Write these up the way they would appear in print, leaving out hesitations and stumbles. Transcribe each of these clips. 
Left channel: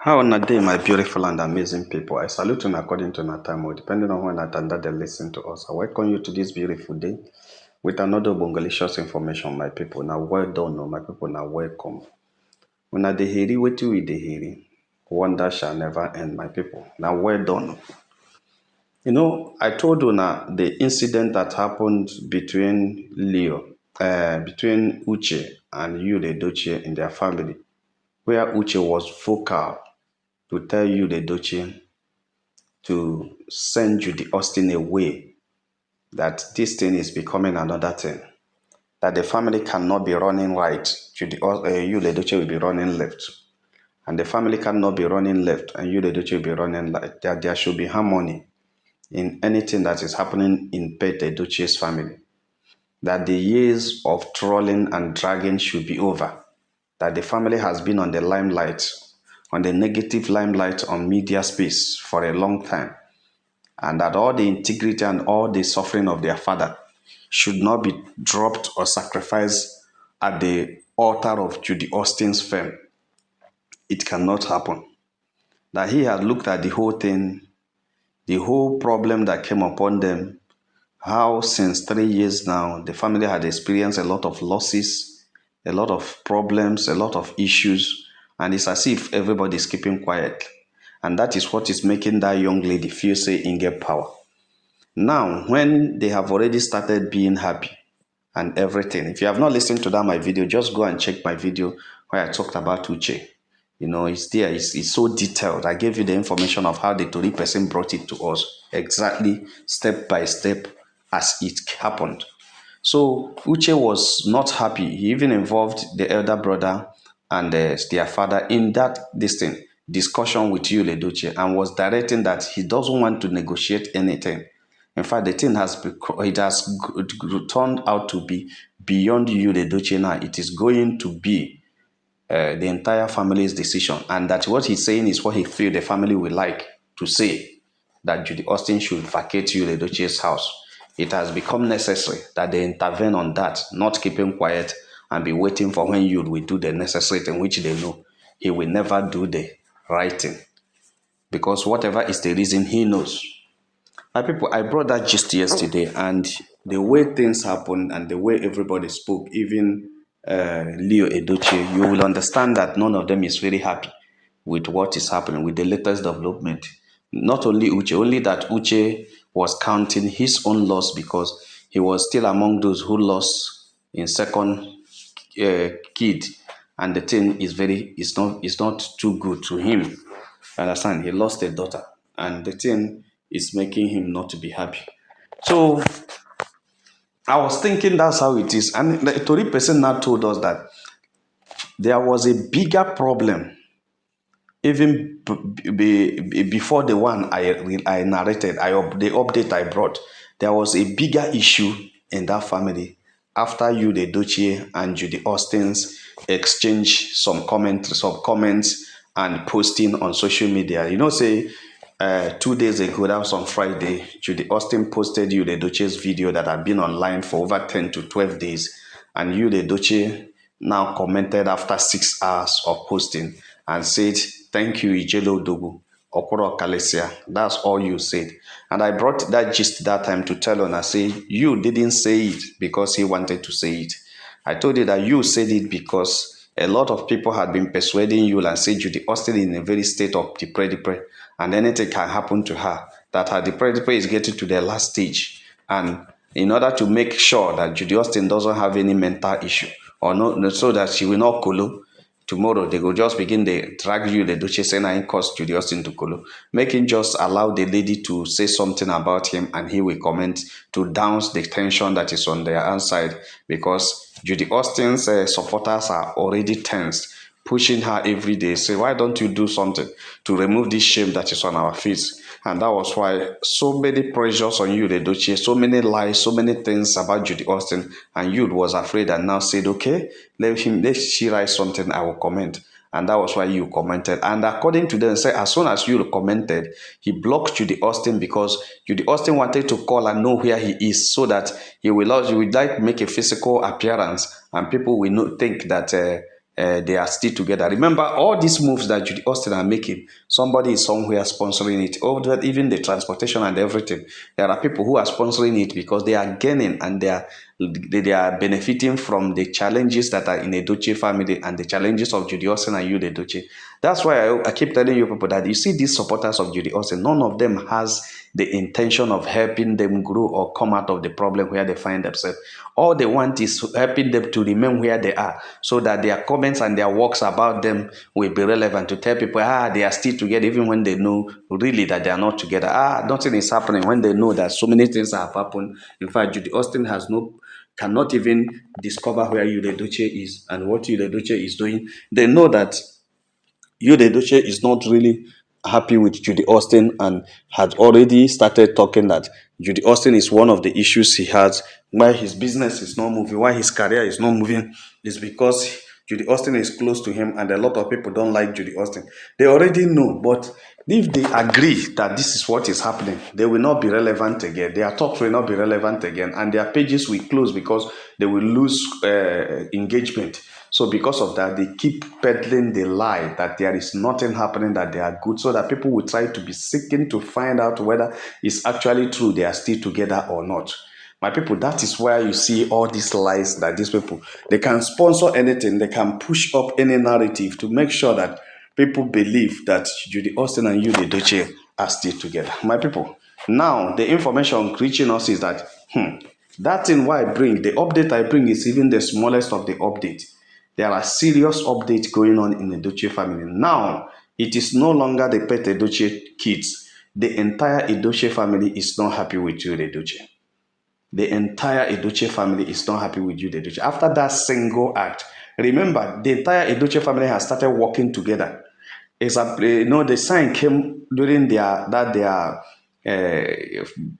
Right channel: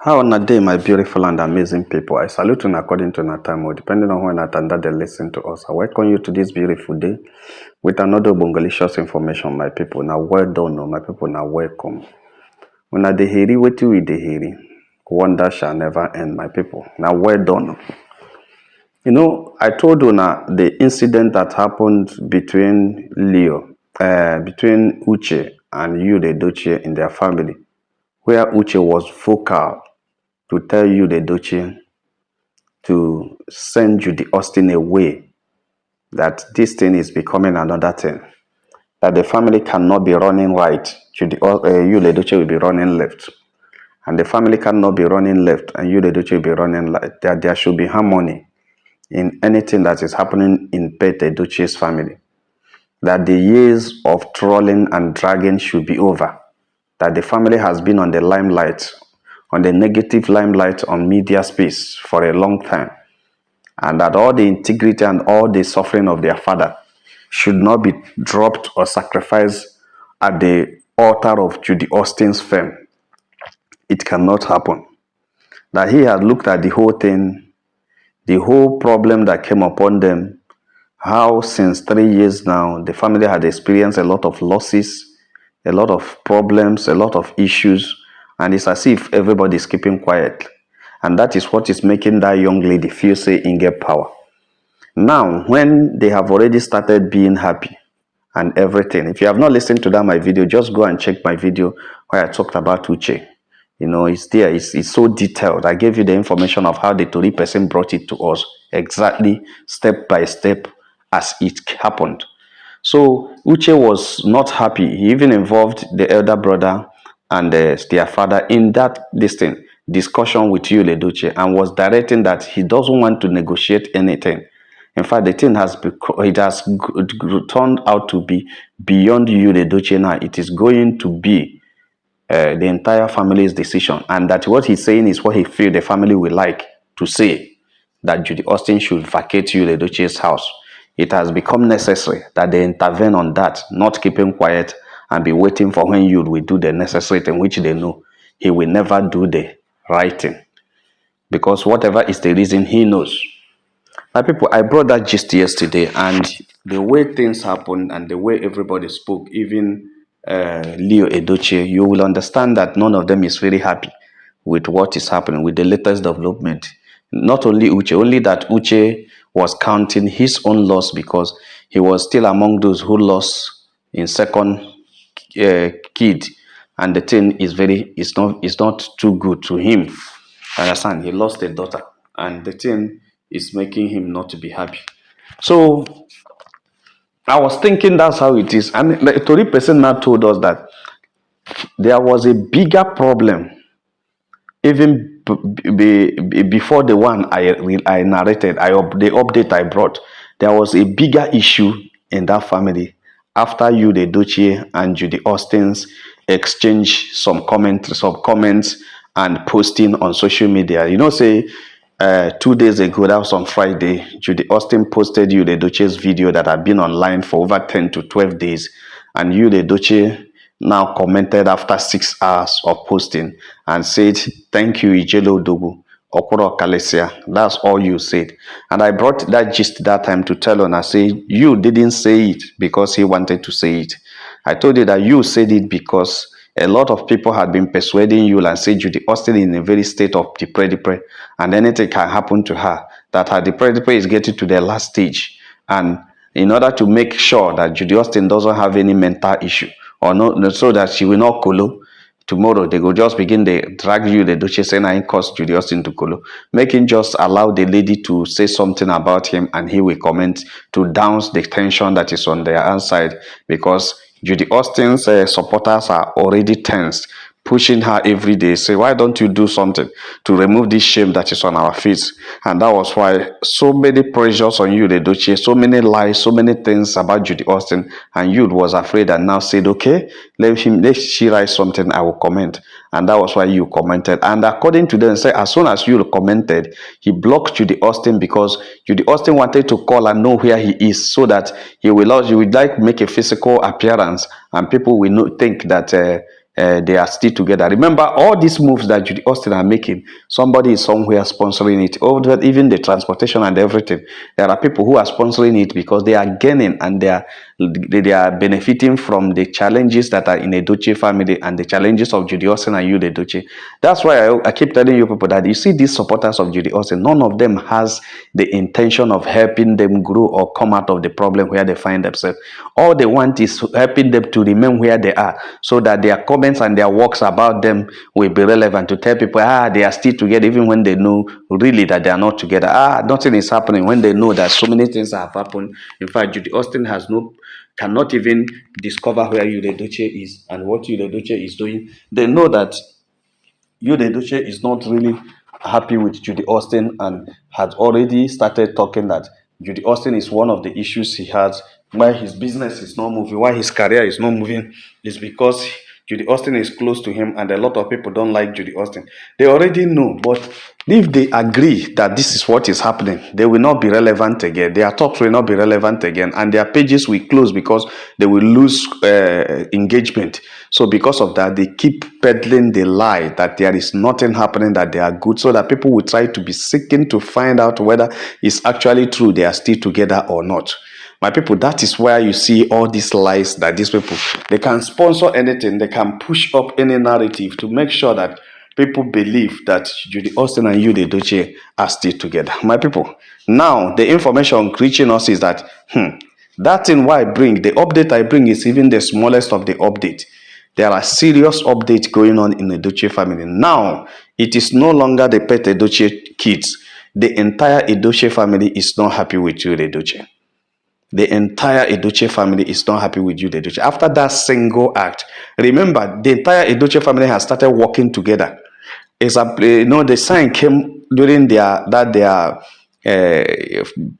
How on a day, my beautiful and amazing people. I salute you according to our time, or depending on when at and that they listen to us. I welcome you to this beautiful day with another bongalicious information, my people. Now, well done, my people. Now, welcome. When I dey hear what you dey hear, wonder shall never end, my people. Now, well done. I told you now the incident that happened between between Uche and you, the Edochie, in their family, where Uche was vocal to tell you, the Edochie, to send Judy Austin away, that this thing is becoming another thing, that the family cannot be running right, you, the Edochie, will be running left, and the family cannot be running left, and you, the Edochie, will be running right, that there should be harmony in anything that is happening in Pete Edochie's family, that the years of trolling and dragging should be over, that the family has been on the limelight, on the negative limelight on media space for a long time, and that all the integrity and all the suffering of their father should not be dropped or sacrificed at the altar of Judy Austin's fame. It cannot happen. That he had looked at the whole thing, the whole problem that came upon them, how since 3 years now, the family had experienced a lot of losses, a lot of problems, a lot of issues, and it's as if everybody is keeping quiet. And that is what is making that young lady feel say in get power. Now, when they have already started being happy and everything, if you have not listened to that my video, just go and check my video where I talked about Uche. It's there. It's so detailed. I gave you the information of how the Tori person brought it to us, exactly step by step as it happened. So Uche was not happy. He even involved the elder brother and their father in that discussion with you, Edochie, and was directing that he doesn't want to negotiate anything. In fact, the thing has turned out to be beyond you, Edochie. Now it is going to be the entire family's decision, and that what he's saying is what he feels the family will like to say, that Judy Austin should vacate you, Edochie's house. It has become necessary that they intervene on that, not keeping quiet and be waiting for when you will do the necessary thing, which they know he will never do the right thing, because whatever is the reason, he knows. Now, people, I brought that gist yesterday, and the way things happened and the way everybody spoke, even Leo Edochie, you will understand that none of them is very happy with what is happening, with the latest development. Not only Uche, only that Uche was counting his own loss because he was still among those who lost in second kid, and the thing is not too good to him. Understand? He lost a daughter, and the thing is making him not to be happy. So I was thinking that's how it is. And the Tori person now told us that there was a bigger problem even before the one I narrated, the update I brought. There was a bigger issue in that family after you, the Edochie, and Judy Austin's exchange some comments and posting on social media. Say 2 days ago, that was on Friday, Judy Austin posted you, the Edochie's video that had been online for over 10 to 12 days. And you, the Edochie, now commented after 6 hours of posting and said, "Thank you, Ijelo Dogu, Okoro Kalesia." That's all you said. And I brought that gist that time to tell on. I say, you didn't say it because he wanted to say it. I told you that you said it because a lot of people had been persuading you and say Judy Austin in a very state of depression, and anything can happen to her, that her depression is getting to the last stage. And in order to make sure that Judy Austin doesn't have any mental issue, or no, so that she will not colo, tomorrow they will just begin to drag you, the Duchess, and I cause Judy Austin to colo. Making just allow the lady to say something about him, and he will comment to douse the tension that is on their outside, because Judy Austin's supporters are already tense, pushing her every day, say, "Why don't you do something to remove this shame that is on our face?" And that was why so many pressures on you, the Edochie, so many lies, so many things about Judy Austin, and you was afraid and now said, "Okay, let she write something, I will comment." And that was why you commented. And according to them, say as soon as you commented, he blocked Judy Austin because Judy Austin wanted to call and know where he is, so that he would like make a physical appearance, and people will not think that they are still together. Remember, all these moves that Judy Austin are making, somebody is somewhere sponsoring it. Even the transportation and everything. There are people who are sponsoring it because they are gaining and they are benefiting from the challenges that are in a Edochie family and the challenges of Judy Austin and you, the Edochie. That's why I keep telling you people that you see these supporters of Judy Austin, none of them has the intention of helping them grow or come out of the problem where they find themselves. All they want is helping them to remain where they are so that their comments and their works about them will be relevant to tell people, they are still together, even when they know really that they are not together. Nothing is happening, when they know that so many things have happened. In fact, Judy Austin cannot even discover where Yude Edochie is and what Yude Edochie is doing. They know that Yude Edochie is not really happy with Judy Austin and had already started talking that Judy Austin is one of the issues he has. Why his business is not moving, why his career is not moving, is because Judy Austin is close to him and a lot of people don't like Judy Austin. They already know, but if they agree that this is what is happening, they will not be relevant again. Their talks will not be relevant again, and their pages will close because they will lose engagement. So because of that, they keep peddling the lie that there is nothing happening, that they are good, so that people will try to be seeking to find out whether it's actually true they are still together or not. My people, that is where you see all these lies that these people, they can sponsor anything, they can push up any narrative to make sure that people believe that Judy Austin and Yude Edochie are still together. My people, now the information reaching us is that that thing why I bring, the update I bring is even the smallest of the update. There are serious updates going on in the Edochie family. Now, it is no longer the pet Edochie kids. The entire Edochie family is not happy with Yude Edochie. The entire Edochie family is not happy with Yude Edochie. After that single act, remember, the entire Edochie family has started working together. The sign came during their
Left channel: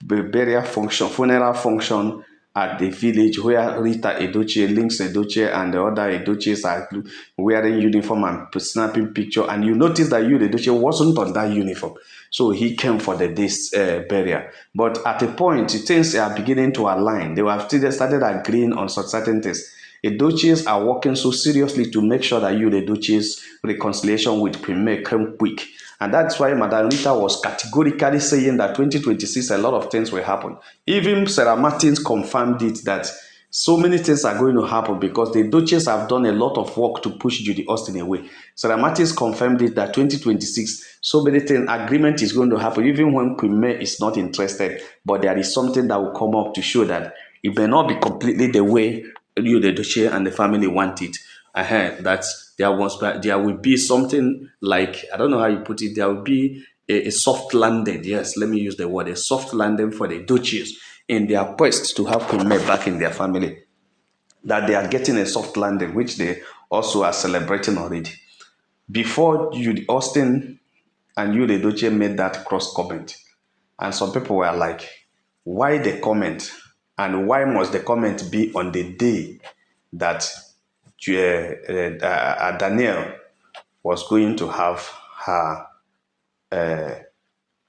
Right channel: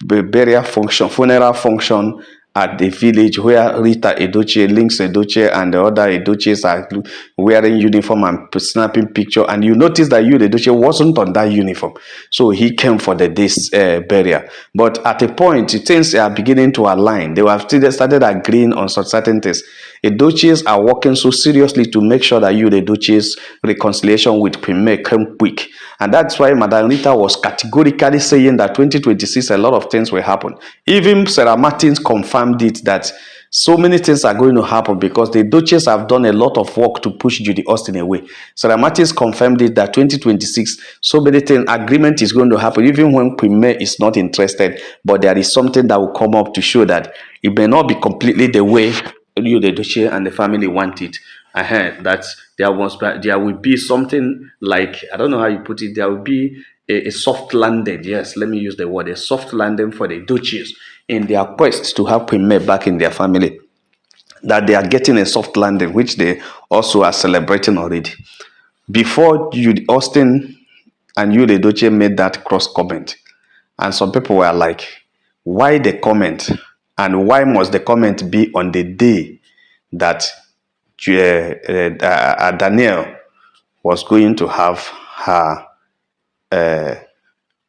burial function, funeral function at the village where Rita Edochie, Links Edochie, and the other Edochies are wearing uniform and snapping picture. And you notice that Yude Edochie wasn't on that uniform, so he came for the day's burial. But at a point, things are beginning to align. They have started agreeing on certain things. Edochie's are working so seriously to make sure that Yude Edochie's reconciliation with Premier came quick. And that's why Madam Rita was categorically saying that 2026, a lot of things will happen. Even Sarah Martins confirmed it, that so many things are going to happen because the Edochie's have done a lot of work to push Judy Austin away. Sarah Martins confirmed it that 2026, so many things, agreement is going to happen, even when Premier is not interested. But there is something that will come up to show that it may not be completely the way Yude Edochie and the family want it. That there will be something like, I don't know how you put it, there will be a soft landing. Yes, let me use the word, a soft landing for the Edochie's in their quest to have Premier back in their family. That they are getting a soft landing, which they also are celebrating already. Before Judy Austin and Yude Edochie made that cross comment, and some people were like, why the comment? And why must the comment be on the day that Danielle was going to have her,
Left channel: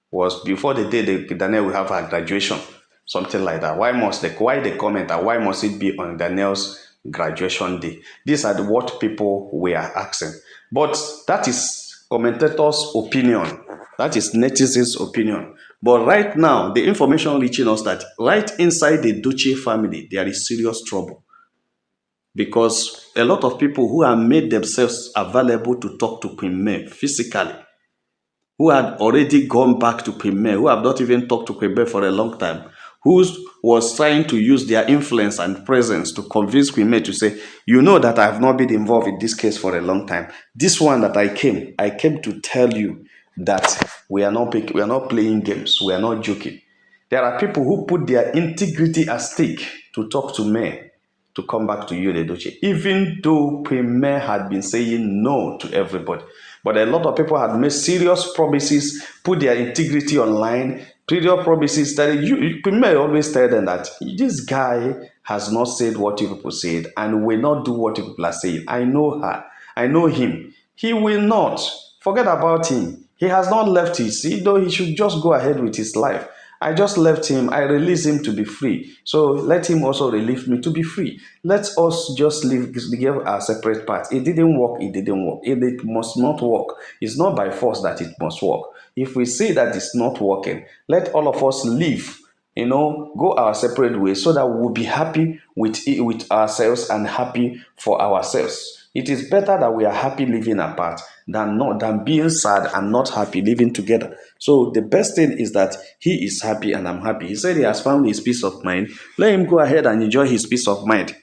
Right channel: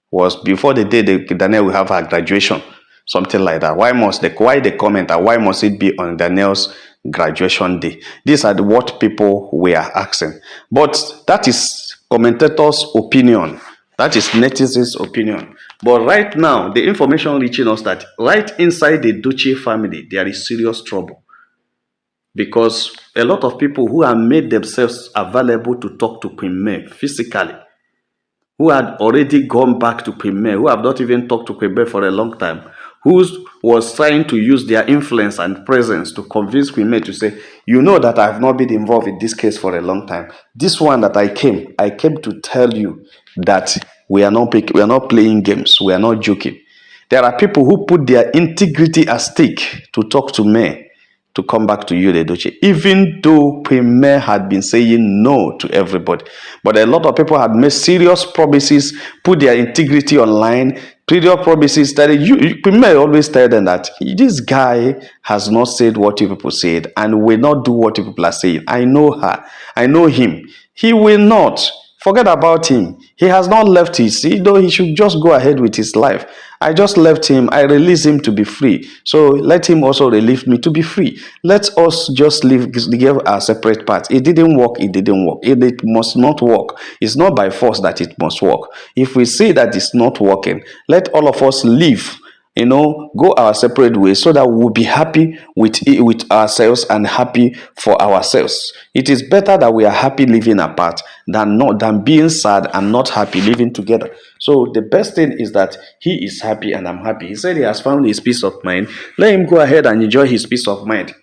was before the day that Danielle will have her graduation, something like that. Why the comment, and why must it be on Danielle's graduation day? These are what people were asking. But that is commentators' opinion. That is netizens' opinion. But right now, the information reaching us that right inside the Edochie family, there is serious trouble. Because a lot of people who have made themselves available to talk to Queen May physically, who had already gone back to Queen May, who have not even talked to Queen May for a long time, who was trying to use their influence and presence to convince Queen May to say, you know that I have not been involved in this case for a long time. This one that I came to tell you that we are not playing games, we are not joking. There are people who put their integrity at stake to talk to May to come back to Yude Edochie, even though Premier had been saying no to everybody. But a lot of people had made serious promises, put their integrity online, previous promises that Premier always tell them that this guy has not said what you people said and will not do what you people are saying. I know her. I know him. He will not. Forget about him. He has not left his, though he should just go ahead with his life. I just left him. I released him to be free. So let him also release me to be free. Let us just give our separate paths. It didn't work. It didn't work. It must not work. It's not by force that it must work. If we see that it's not working, let all of us leave, go our separate ways so that we'll be happy with ourselves and happy for ourselves. It is better that we are happy living apart than being sad and not happy living together. So the best thing is that he is happy and I'm happy. He said he has found his peace of mind. Let him go ahead and enjoy his peace of mind.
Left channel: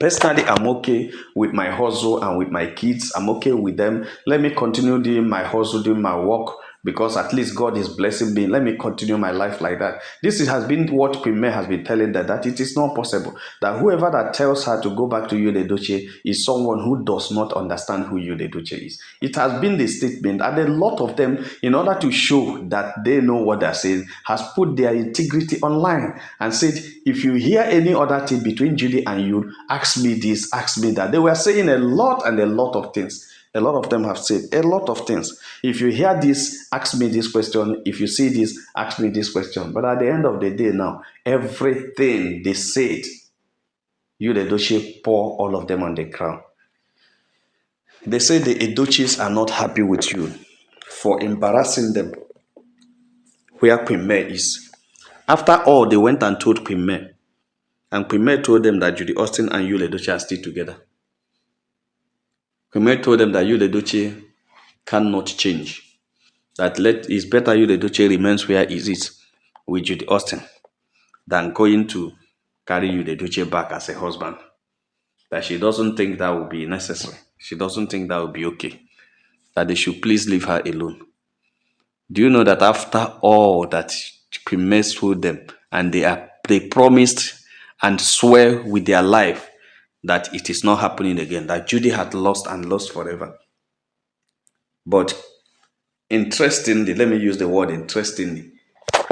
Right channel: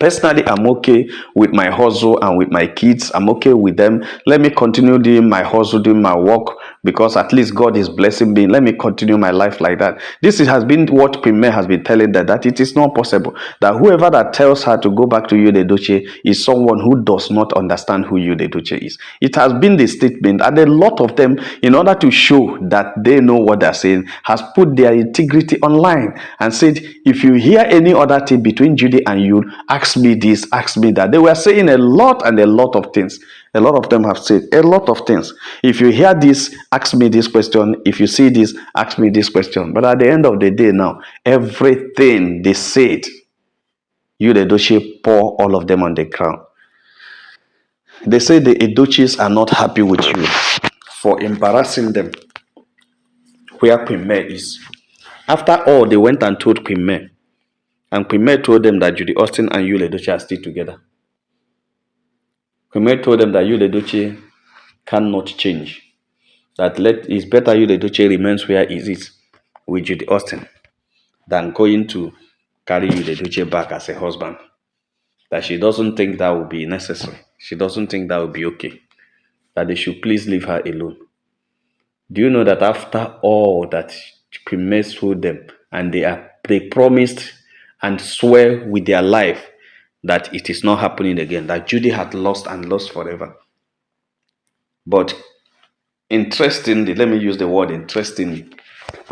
Personally, I'm okay with my hustle and with my kids. I'm okay with them. Let me continue doing my hustle, doing my work, because at least God is blessing me. Let me continue my life like that. Has been what Premier has been telling that it is not possible. That whoever that tells her to go back to Edochie is someone who does not understand who Edochie is. It has been the statement, and a lot of them, in order to show that they know what they're saying, has put their integrity online and said, if you hear any other thing between Judy and you, ask me this, ask me that. They were saying a lot of things. A lot of them have said a lot of things. If you hear this, ask me this question. If you see this, ask me this question. But at the end of the day now, everything they said, Edochie pour all of them on the ground. They say the Edochie's are not happy with you for embarrassing them where Queen May is. After all, they went and told Queen May. And Queen May told them that Judy Austin and Edochie are still together. Queen May told them that Edochie cannot change. That it's better Edochie remains where he is with Judy Austin than going to carry Edochie back as a husband. That she doesn't think that will be necessary. She doesn't think that will be okay. That they should please leave her alone. Do you know that after all that Queen May told them, and they promised and swear with their life that it is not happening again, that Judy had lost and lost forever. But interestingly, let me use the word interestingly,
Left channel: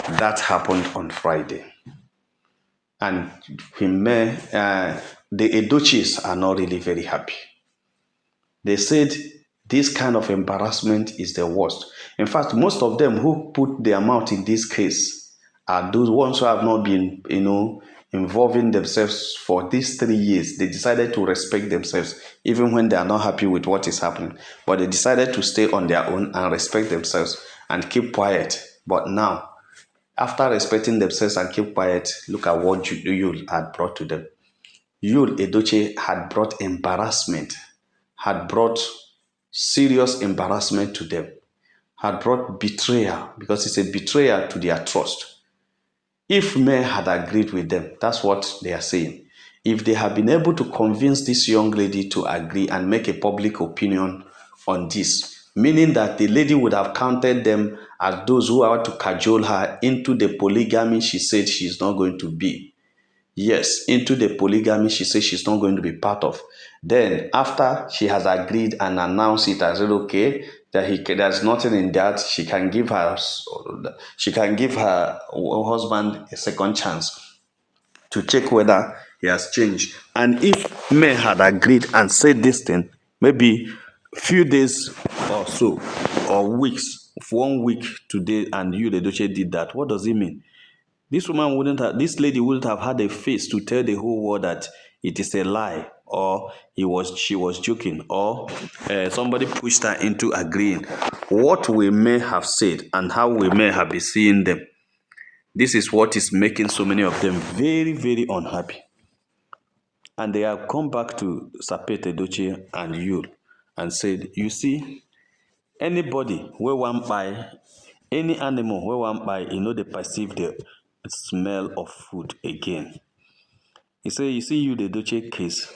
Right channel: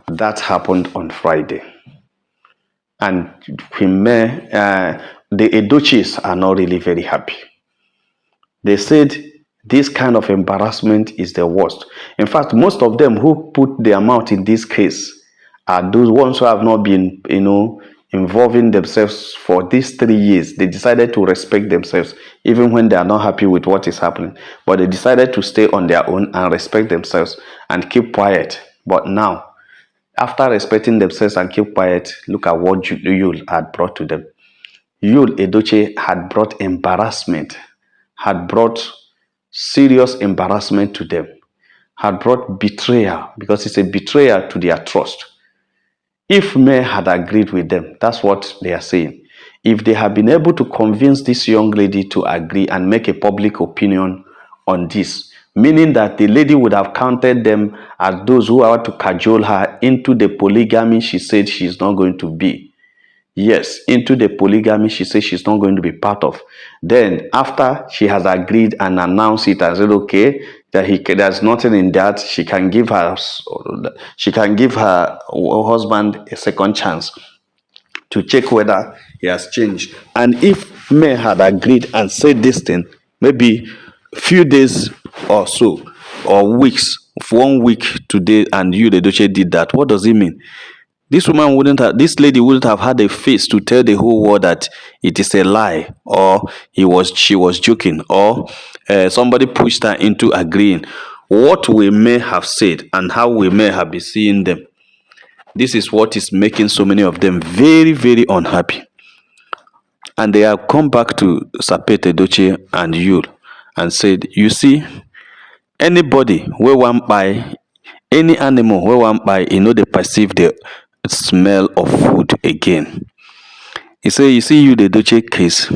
that happened on Friday. And Queen May, the Edochie's are not really very happy. They said this kind of embarrassment is the worst. In fact, most of them who put their mouth in this case are those ones who have not been, involving themselves for these 3 years. They decided to respect themselves, even when they are not happy with what is happening. But they decided to stay on their own and respect themselves and keep quiet. But now, after respecting themselves and keep quiet, look at what Yul had brought to them. Yul Edochie had brought embarrassment, had brought serious embarrassment to them, had brought betrayal, because it's a betrayal to their trust. If May had agreed with them, that's what they are saying. If they had been able to convince this young lady to agree and make a public opinion on this, meaning that the lady would have counted them as those who are to cajole her into the polygamy she said she's not going to be. Yes, into the polygamy she says she's not going to be part of. Then, after she has agreed and announced it as okay, that there's nothing in that, she can give her husband a second chance to check whether he has changed. And if May had agreed and said this thing, maybe few days or so, or weeks, 1 week today, and Edochie did that, what does it mean? This lady wouldn't have had a face to tell the whole world that it is a lie, or she was joking, or somebody pushed her into agreeing. What we may have said and how we may have been seeing them, this is what is making so many of them very, very unhappy. And they have come back to Sapet Edochie and Yul and said, you see, anybody where one buy, any animal where one buy, they perceive the smell of food again. He said, you see, the Edochie case,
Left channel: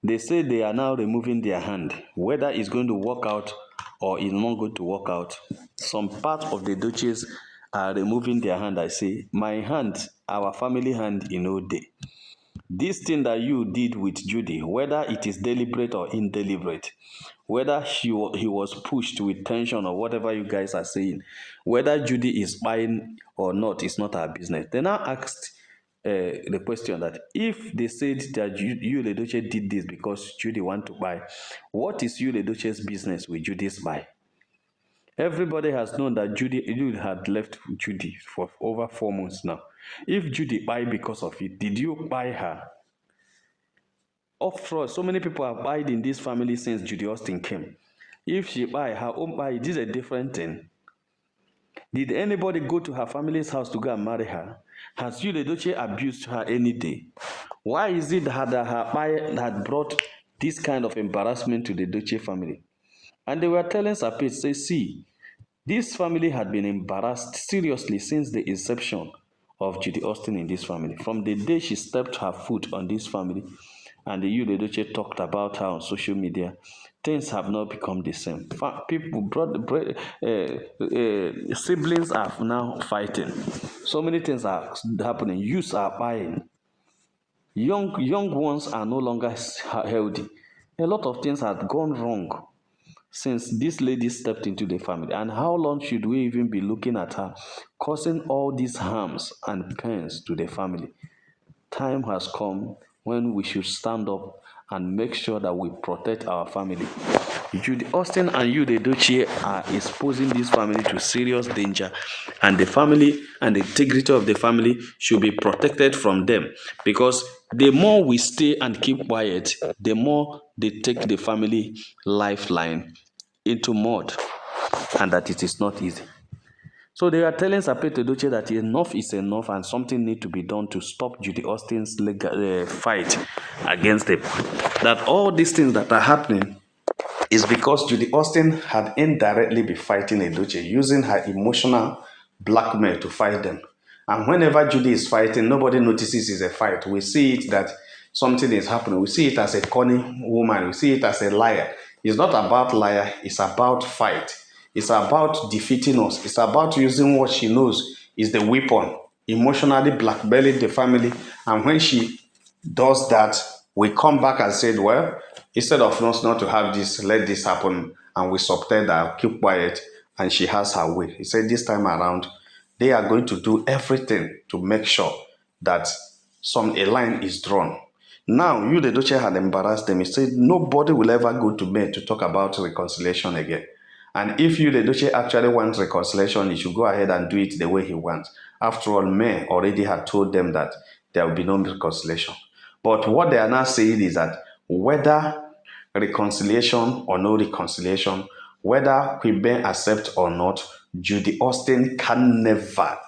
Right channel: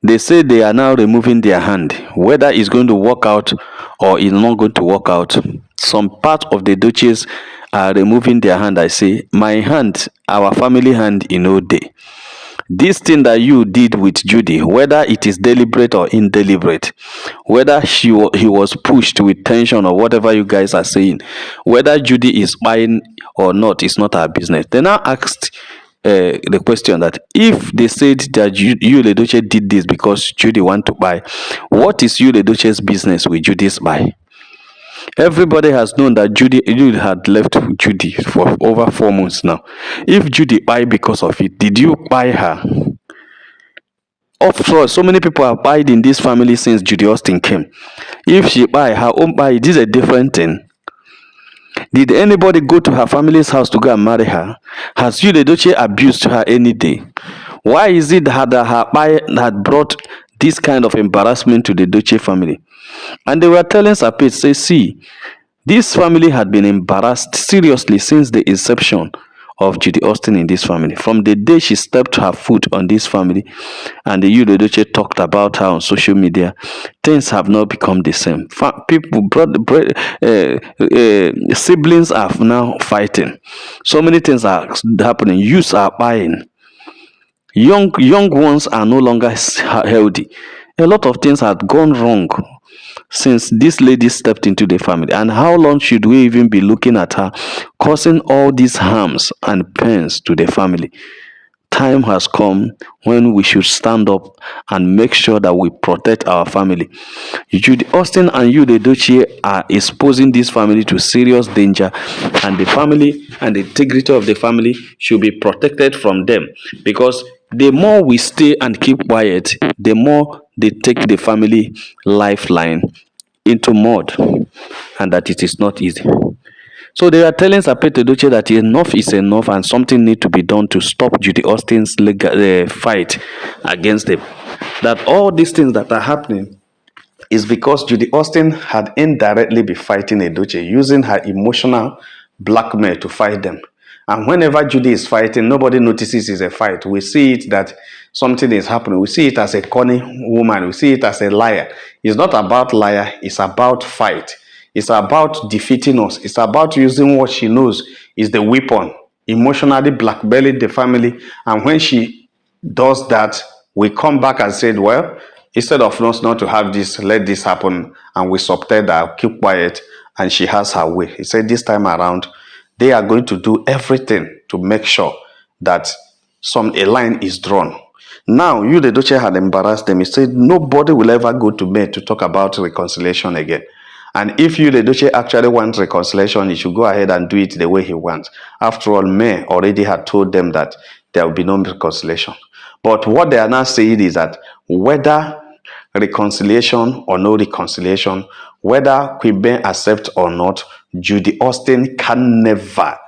they say they are now removing their hand, whether it's going to work out or it's not going to work out. Some part of the Edochie's are removing their hand. I say, my hand, our family hand, day. This thing that you did with Judy, whether it is deliberate or indeliberate, whether he was pushed with tension or whatever you guys are saying, whether Judy is buying or not, is not our business. They now asked the question that if they said that Edochie did this because Judy want to buy, what is Edochie's business with Judy's buy? Everybody has known that Judy had left Judy for over 4 months now. If Judy buy because of it, did you buy her? Of course, so many people have buyed in this family since Judy Austin came. If she buy her own buy, it is a different thing. Did anybody go to her family's house to go and marry her? Has Judy Edochie abused her any day? Why is it that her buy had brought this kind of embarrassment to the Edochie family? And they were telling Sapit, say, see, this family had been embarrassed seriously since the inception of Judy Austin in this family. From the day she stepped her foot on this family and the Yudo Edochie talked about her on social media, things have not become the same. Siblings are now fighting. So many things are happening. Youths are buying. Young ones are no longer healthy. A lot of things have gone wrong since this lady stepped into the family. And how long should we even be looking at her causing all these harms and pains to the family? Time has come when we should stand up and make sure that we protect our family. Judy Austin and Yude Edochie are exposing this family to serious danger, and the family and the integrity of the family should be protected from them, because the more we stay and keep quiet, the more they take the family lifeline into mud, and that it is not easy. So they are telling Sapete Edochie that enough is enough and something needs to be done to stop Judy Austin's legal fight against them. That all these things that are happening is because Judy Austin had indirectly been fighting Edochie, using her emotional blackmail to fight them. And whenever Judy is fighting, nobody notices it's a fight. We see it that something is happening. We see it as a cunning woman. We see it as a liar. It's not about liar. It's about fight. It's about defeating us. It's about using what she knows is the weapon, emotionally blackmailing the family. And when she does that, we come back and said, well, instead of us not to have this, let this happen, and we subtend her, keep quiet, and she has her way. He said this time around, they are going to do everything to make sure that a line is drawn. Now, you, the Edochie, had embarrassed them. He said nobody will ever go to May to talk about reconciliation again. And if you, the Edochie, actually want reconciliation, he should go ahead and do it the way he wants. After all, May already had told them that there will be no reconciliation. But what they are now saying is that whether reconciliation or no reconciliation, whether Queen Ben accept or not, Judy Austin can never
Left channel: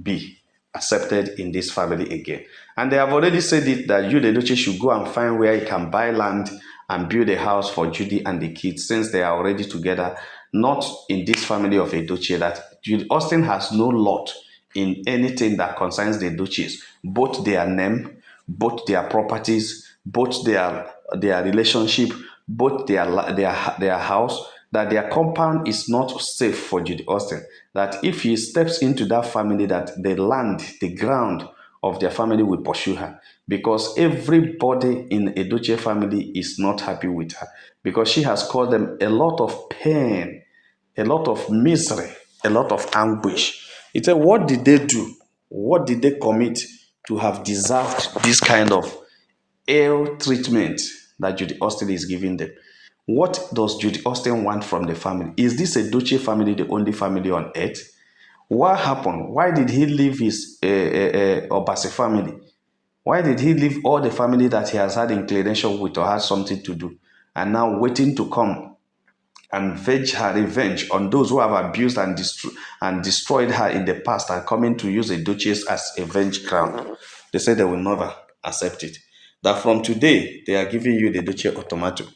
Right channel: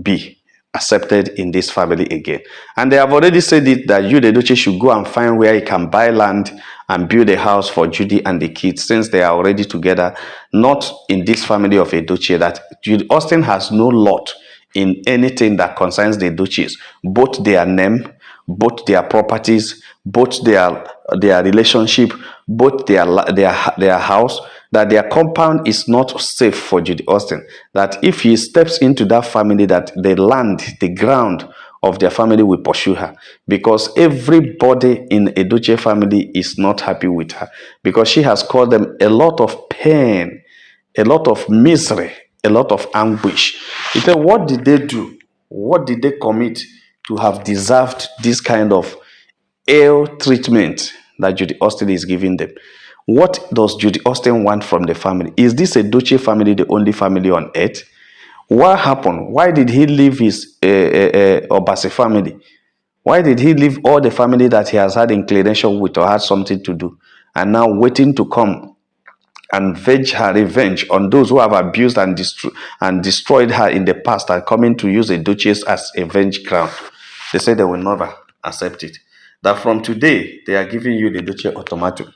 be accepted in this family again. And they have already said it that you, the Edochie, should go and find where he can buy land and build a house for Judy and the kids, since they are already together, not in this family of Edochie, that Judy Austin has no lot in anything that concerns the Edochie's, both their name, both their properties, both their relationship, both their house, that their compound is not safe for Judy Austin. That if he steps into that family, that the land, the ground of their family will pursue her, because everybody in Edochie family is not happy with her, because she has caused them a lot of pain, a lot of misery, a lot of anguish. He said, what did they do? What did they commit to have deserved this kind of ill treatment that Judy Austin is giving them? What does Judy Austin want from the family? Is this Edochie family the only family on earth? What happened? Why did he leave his Obasi family? Why did he leave all the family that he has had inclination with or had something to do, and now waiting to come and venge her revenge on those who have abused and destroyed her in the past, and coming to use Edochie's as a venge ground? They say they will never accept it. That from today, they are giving you the Edochie ultimatum.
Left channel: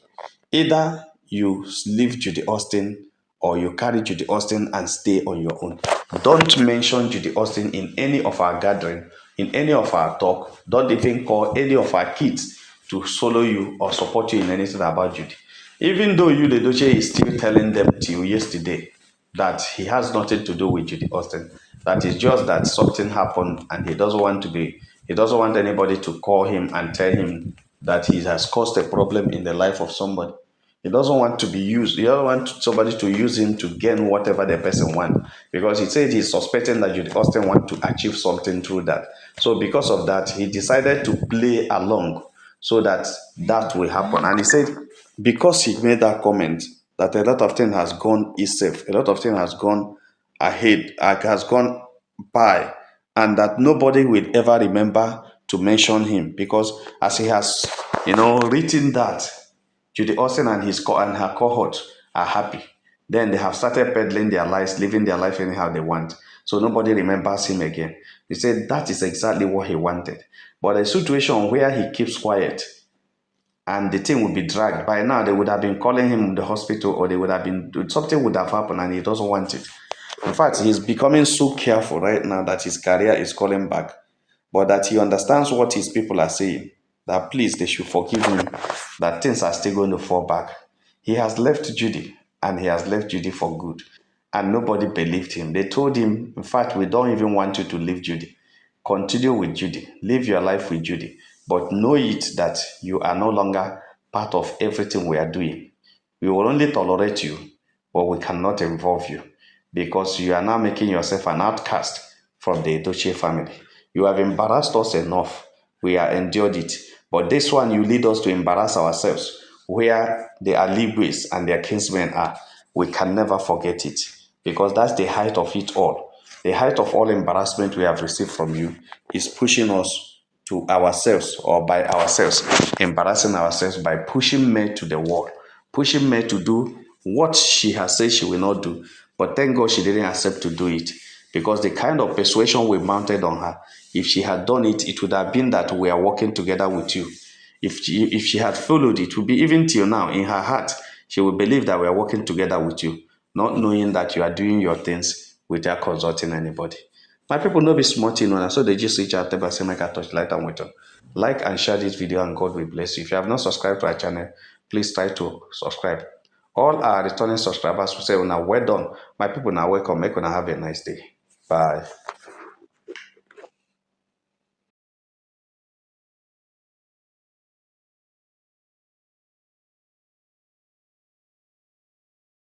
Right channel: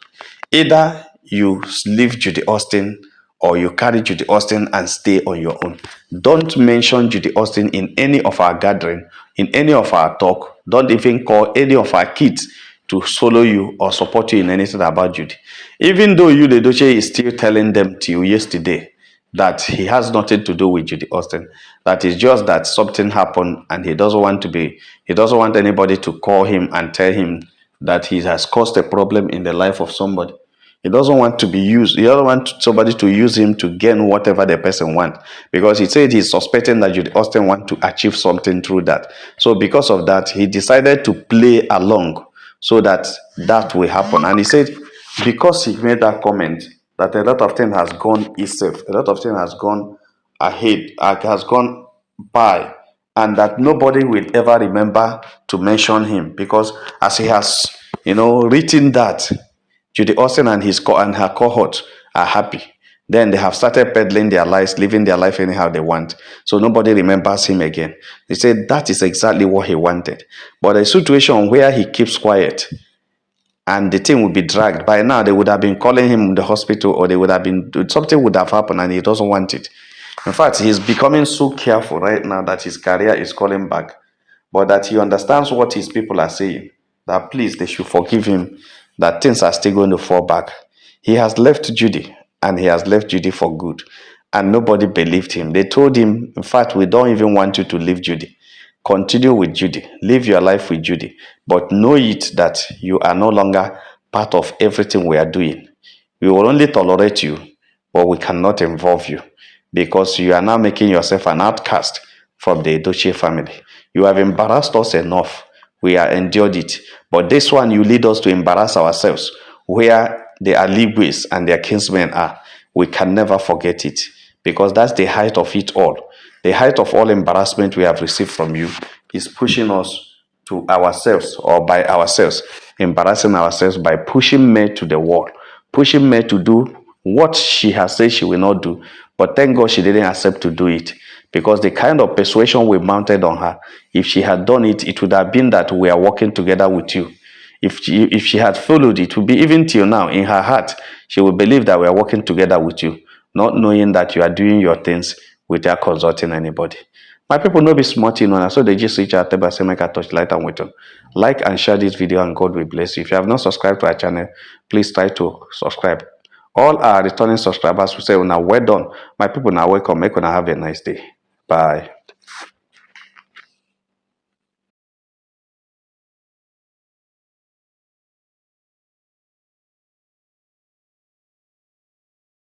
Either you leave Judy Austin or you carry Judy Austin and stay on your own. Don't mention Judy Austin in any of our gathering, in any of our talk. Don't even call any of our kids to follow you or support you in anything about Judy. Even though you, the Edochie, is still telling them till yesterday that he has nothing to do with Judy Austin. That is just that something happened and he doesn't want anybody to call him and tell him that he has caused a problem in the life of somebody. He doesn't want to be used. He doesn't want somebody to use him to gain whatever the person wants. Because he said he's suspecting that Judy Austin wants to achieve something through that. So because of that, he decided to play along so that will happen. And he said, because he made that comment, that a lot of things has gone east safe, a lot of things has gone ahead, has gone by, and that nobody will ever remember to mention him because as he has, written that Judy Austin and and her cohort are happy. Then they have started peddling their lives, living their life anyhow they want. So nobody remembers him again. He said that is exactly what he wanted. But a situation where he keeps quiet and the thing would be dragged. By now, they would have been calling him in the hospital, or they would have been something would have happened, and he doesn't want it. In fact, he's becoming so careful right now that his career is calling back, but that he understands what his people are saying. That please, they should forgive him. That things are still going to fall back. He has left Judy, and he has left Judy for good, and nobody believed him. They told him, in fact, we don't even want you to leave Judy. Continue with Judy. Live your life with Judy. But know it that you are no longer part of everything we are doing. We will only tolerate you, but we cannot involve you because you are now making yourself an outcast from the Edochie family. You have embarrassed us enough. We have endured it. But this one, you lead us to embarrass ourselves where the Aligwes and their kinsmen are. We can never forget it because that's the height of it all. The height of all embarrassment we have received from you is pushing us to ourselves or by ourselves, embarrassing ourselves by pushing May to the wall, pushing May to do what she has said she will not do. But thank God she didn't accept to do it because the kind of persuasion we mounted on her, if she had done it, it would have been that we are working together with you. If she had followed, it would be even till now in her heart, she would believe that we are working together with you, not knowing that you are doing your things without consulting anybody. My people no be smart, so they just reach out to say make a touch light and wait on. Like and share this video and God will bless you. If you have not subscribed to our channel, please try to subscribe. All our returning subscribers will say, well done. My people now welcome. Make una have a nice day. Bye.